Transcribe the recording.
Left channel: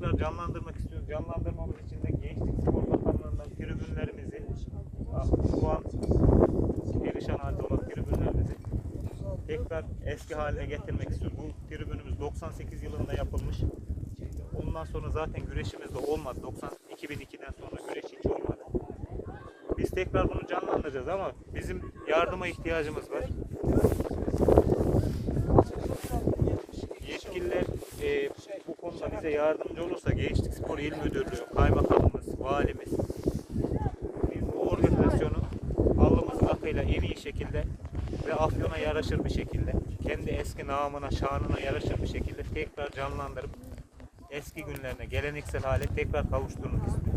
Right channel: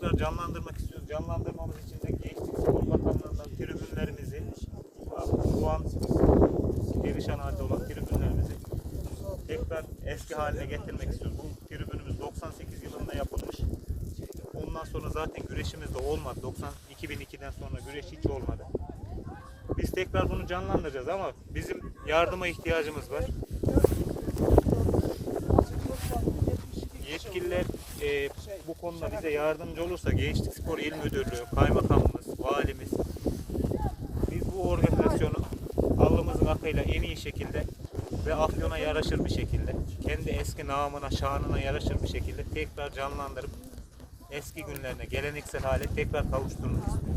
tekrar canlandırmak istiyoruz. Canlandırmamız için de Gençlik Spor Bakanlığı'ndan tribünlerimizi ah, şu an perişan halde olan tribünlerimizi tekrar eski haline getirmek istiyoruz. Bu tribünümüz 98 yılında yapılmış. Ondan sonra zaten güreşimiz de olmadı. 90 2002'den sonra güreş hiç olmadı. Biz tekrar bunu canlandıracağız ama bizim yardıma ihtiyacımız var. Konuda bize yardımcı olursa Gençlik Spor İl Müdürlüğü, Kaymakamımız, Valimiz biz bu organizasyonu alnımızın akıyla en iyi şekilde ve Afyon'a yaraşır bir şekilde, kendi eski namına, şanına yaraşır bir şekilde tekrar canlandırıp eski günlerine, geleneksel hale tekrar kavuşturmak istiyoruz.